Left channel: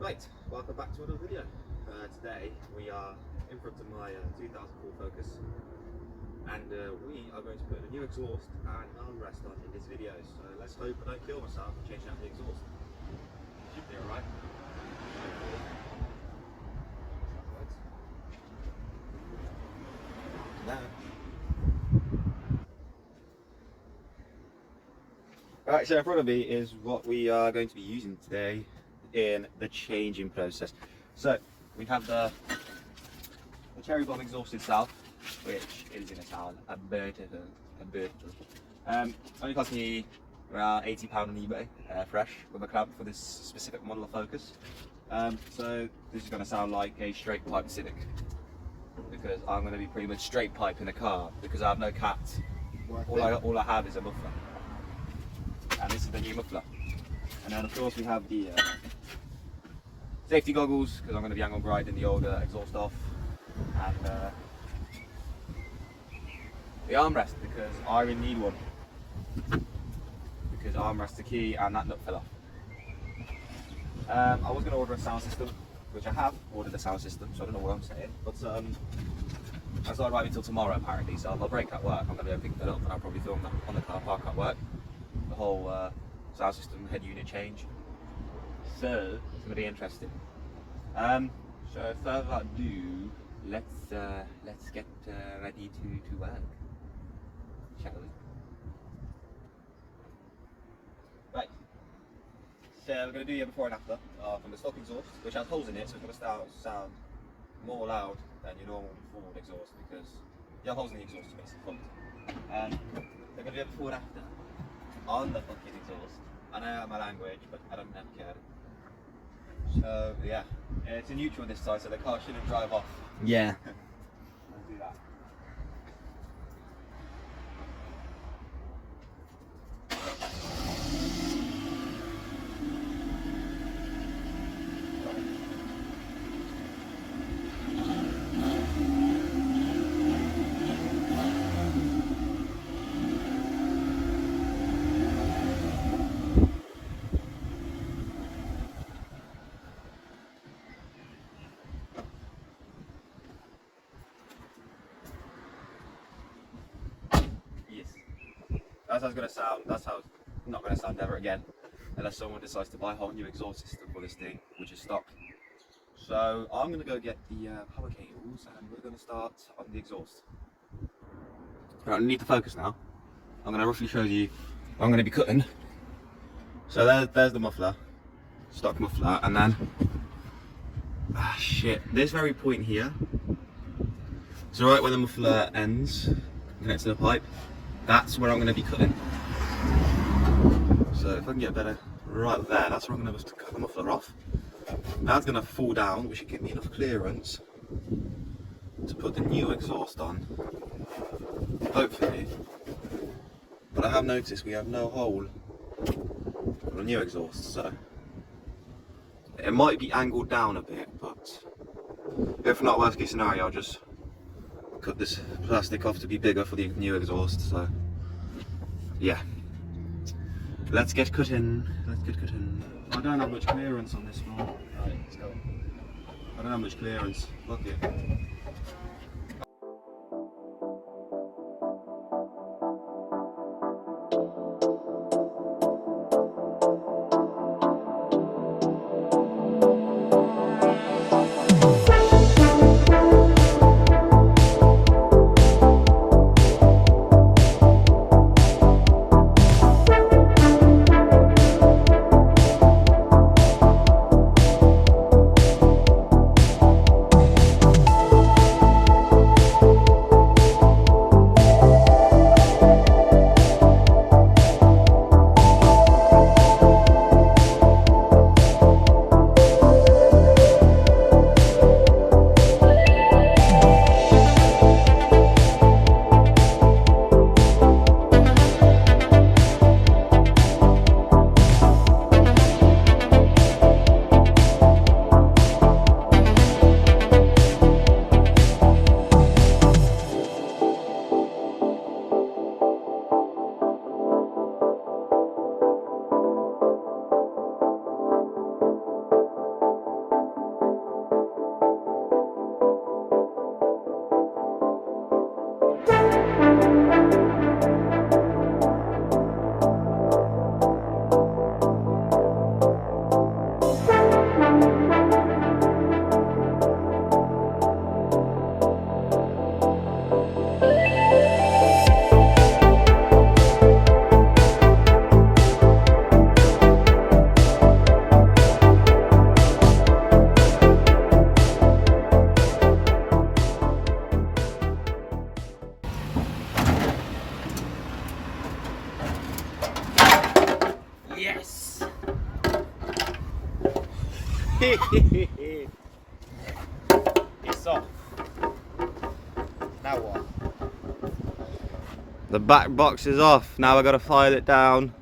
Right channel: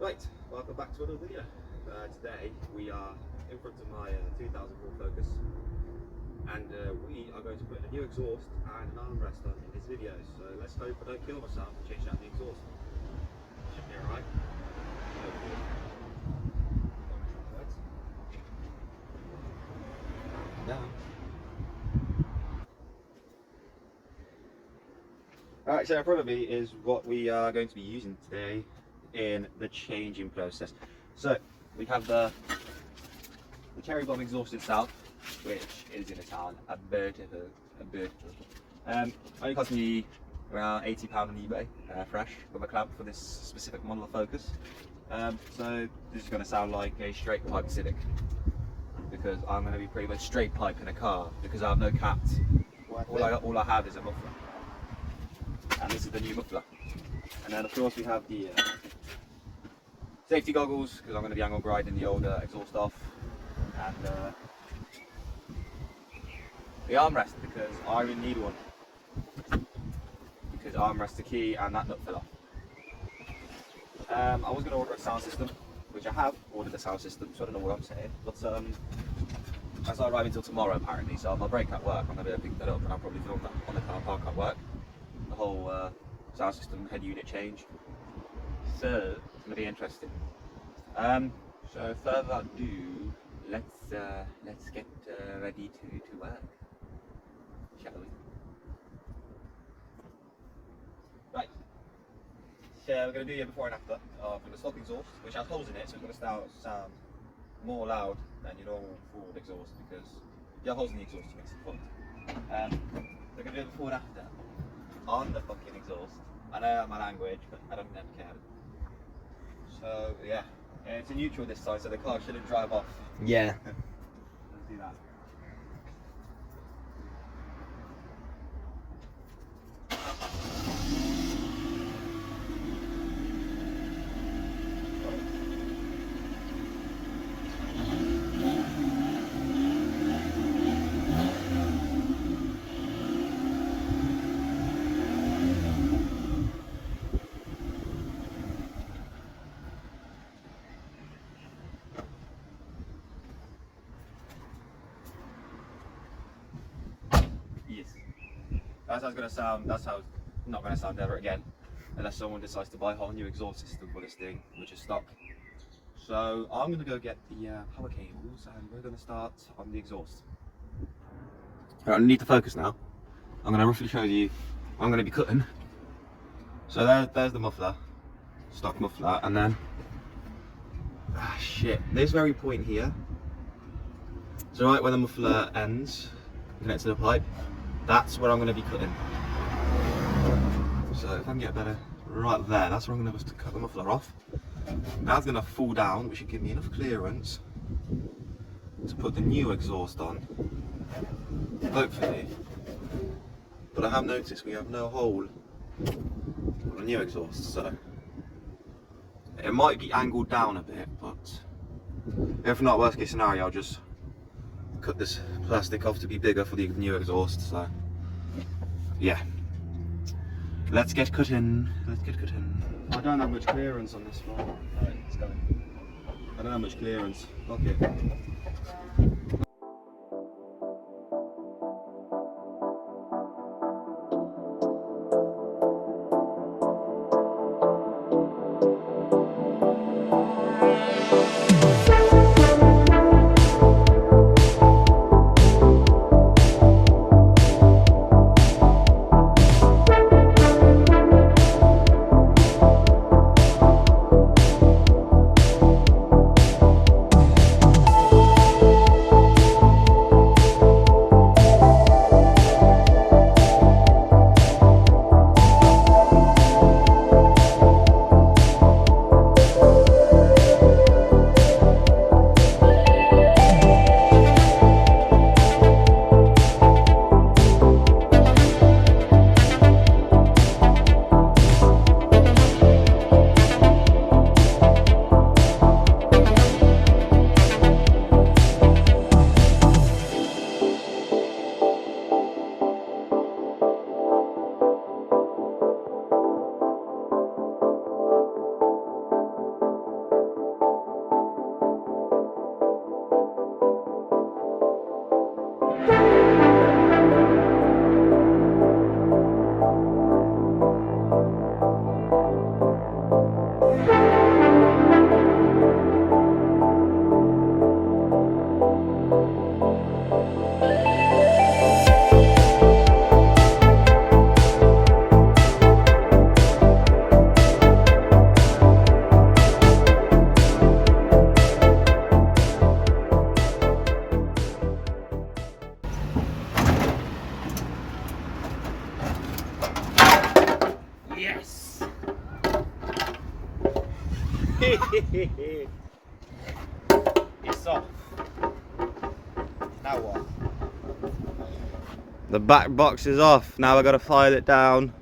Right, welcome back to another video. Today we are in front of my 2004 Focus, and we are going to put in a new exhaust and an armrest on in this video. So let's hope I don't kill myself and change out the exhaust. Should be alright. Alright, so in front of me is what we are going to be using today in the changing process. So we have the cherry bomb exhaust itself, which is in a town, a beautiful. Only cost me around £80 on eBay, fresh, with a clamp for this specific model of Focus. So this is going to sound like a straight pipe Civic, because I'm going to be pretty much straight pipe in a car, because I have no cats. All I have is a muffler, and this is the new muffler. And then of course we have the safety goggles, because I'm going to be angle grinding the older exhaust off, and the armrest, because I really need one, because armrest's the key and that nut fell off. I was going to order a sound system, which I have ordered a sound system, so I don't know what I'm saying, but that's not arriving until tomorrow apparently, so if I break at work I'm going to be able to pick that up, and I'll probably film that on the car park at work, the whole sound system head unit change. So it's going to be interesting. So further ado, let's get ready to work, shall we? Right. So we're going to do the before and after from the stock exhaust, which has holes in it, so it's going to sound more loud than your normal Ford exhaust, because you have holes in the exhaust, which makes it fun. We're going to do a before and after on the fucking exhaust. I know my language, but I don't care. So yeah, it's a neutral this side, so the car shouldn't drive off. Yeah. Let's do that. That's how it's going to sound. That's how it's not going to sound ever again, unless someone decides to buy a whole new exhaust system for this thing, which is stock. So I'm going to go get the power cables, and we're going to start on the exhaust. Right, I need the Focus now. I'm going to roughly show you what I'm going to be cutting. So there's the muffler, stock muffler, and then this very point here. So right where the muffler ends, connects to the pipe. That's where I'm going to be cutting. So if I can get better, right there, that's where I'm going to cut the muffler off. That's going to fall down, which should give me enough clearance to put the new exhaust on, hopefully. But I have noticed we have no hole for the new exhaust, so it might be angled down a bit, but if not, worst case scenario, I'll just cut this plastic off to be bigger for the new exhaust. So yeah, let's get cutting. I don't have much clearance on this one. Right, let's go. I don't have much clearance. Fuck it. It's off. Now what? The back box is off. Now I've got to file it down.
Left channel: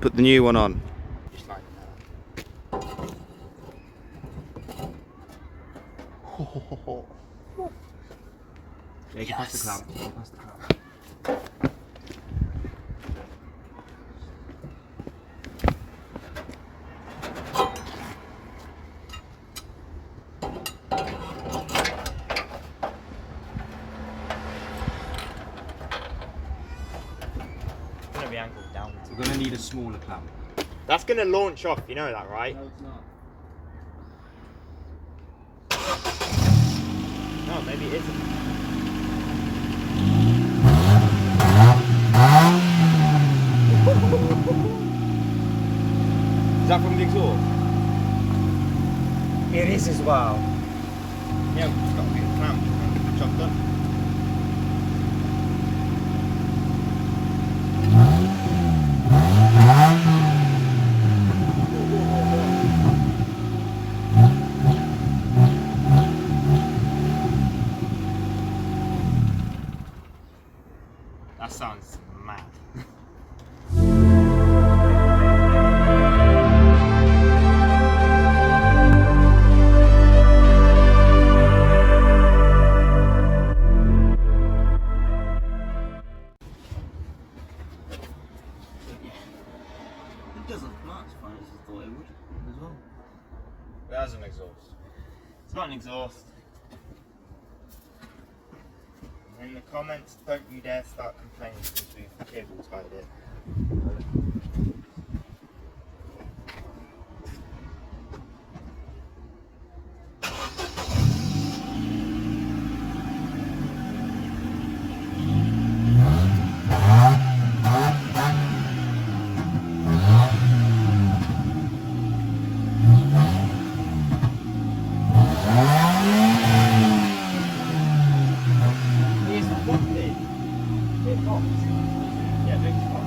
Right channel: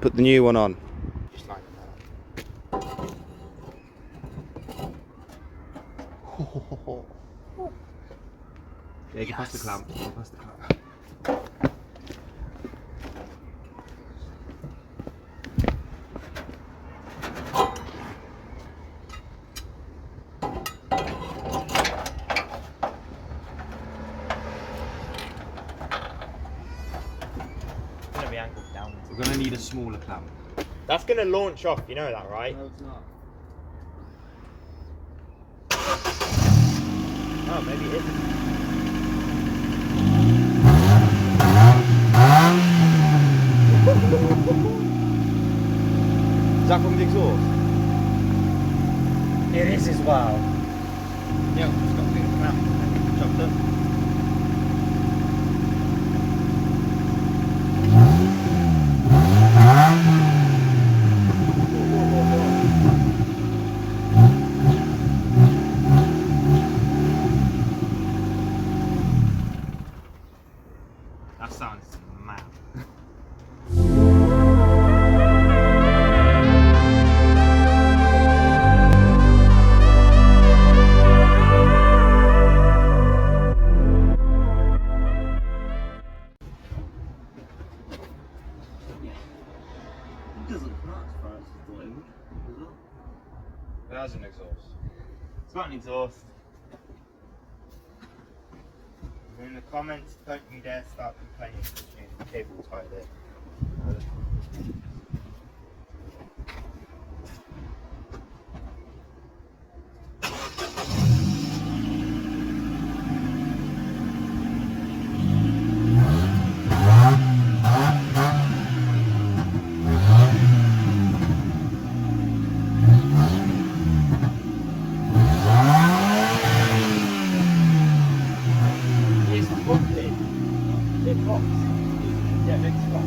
Put the new one on. Just like now. Yeah, you can pass the clamp. Pass the clamp. Gonna be angled down. We're going to need a smaller clamp. That's gonna launch off, you know that, right? No, it's not. No, maybe it isn't. Is that from the exhaust? It is as well. Yeah, we've just got to get a clamp and chop them. That sounds mad. It doesn't come out as far as I thought it would as well. It has an exhaust. It's got an exhaust. And in the comments, don't you dare start complaining because we've cable tied it. It's fluffy. It pops. Yeah, big spot.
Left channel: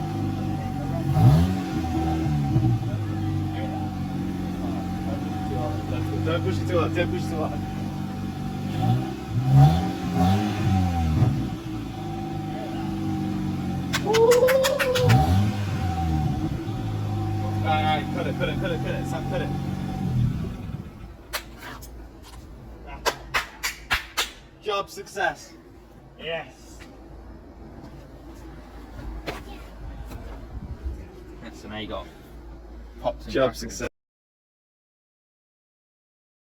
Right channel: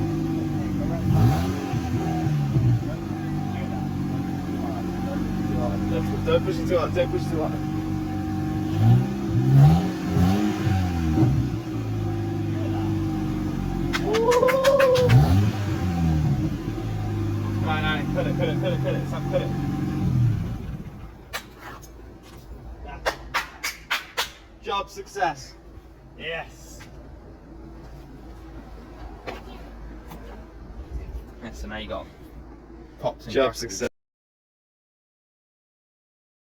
Don't push it too hard, don't push it too hard. Alright, cut it, Sam, cut it. Job success. Yes. So now you got Pops and job crackles. success.